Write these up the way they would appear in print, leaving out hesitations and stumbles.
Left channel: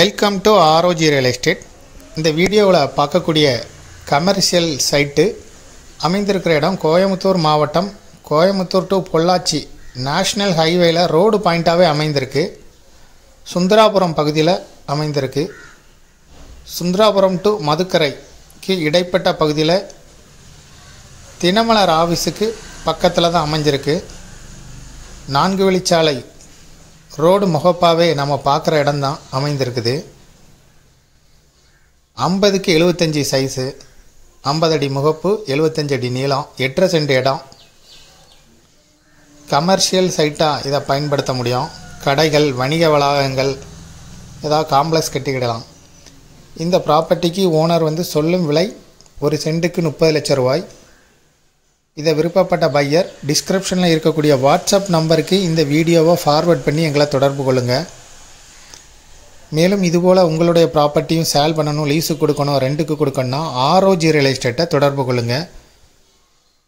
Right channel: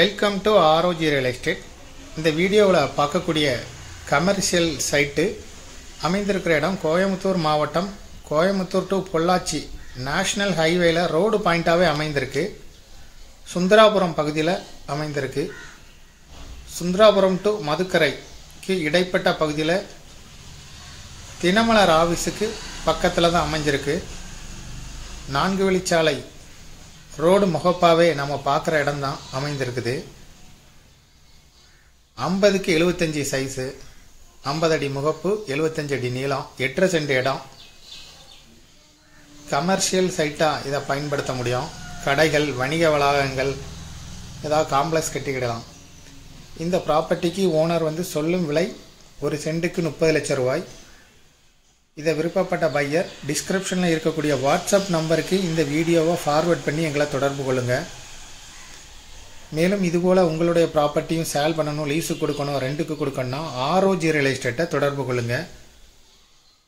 Welcome to ROG real estate. இந்த வீடியோவில் பார்க்கக்கூடிய கமர்ஷியல் சைட்டு அமைந்திருக்கிற இடம் கோயம்புத்தூர் மாவட்டம், கோயம்புத்தூர் டு பொள்ளாச்சி நேஷ்னல் ஹைவேல ரோடு பாயிண்ட்டாகவே அமைந்திருக்கு. சுந்தராபுரம் பகுதியில் அமைந்திருக்கு. சுந்தராபுரம் டு மதுக்கரைக்கு இடைப்பட்ட பகுதியில் தினமலர் ஆஃபீஸுக்கு பக்கத்தில் தான் அமைஞ்சிருக்கு. 4 வழிச்சாலை ரோடு முகப்பாவே நம்ம பார்க்குற இடம் தான் அமைந்திருக்குது. 50க்கு 75 சைஸு, 50 அடி முகப்பு, 75 அடி நீளம், 8 சென்ட் இடம். கமர்ஷியல் சைட்டாக இதை பயன்படுத்த முடியும். கடைகள், வணிக வளாகங்கள், ஏதாவது காம்ப்ளெக்ஸ் கட்டிக்கிடலாம். இந்த ப்ராப்பர்ட்டிக்கு ஓனர் சொல்லும் விலை 1 சென்ட்டுக்கு 30 லட்சம் ரூபாய். இதை விருப்பப்பட்ட பையர் டிஸ்கிரிப்ஷனில் இருக்கக்கூடிய வாட்ஸ்அப் நம்பருக்கு இந்த வீடியோவை ஃபார்வர்ட் பண்ணி எங்களை தொடர்பு கொள்ளுங்கள். மேலும் இதுபோல் உங்களுடைய ப்ராப்பர்ட்டியும் சேல் பண்ணணும், லீஸுக்கு கொடுக்கணும், ரெண்டுக்கு கொடுக்கணும்னா ஆர்ஓஜி ரியல் எஸ்டேட்டை தொடர்பு கொள்ளுங்கள்.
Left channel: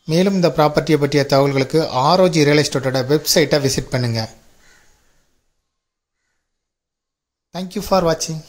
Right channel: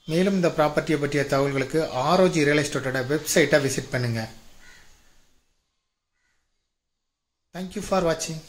மேலும் இந்த ப்ராப்பர்ட்டியை பற்றிய தகவல்களுக்கு ஆர்ஓஜி ரியல் எஸ்டேட்டோட வெப்சைட்டை விசிட் பண்ணுங்கள். தேங்க்யூ ஃபார் வாட்சிங்.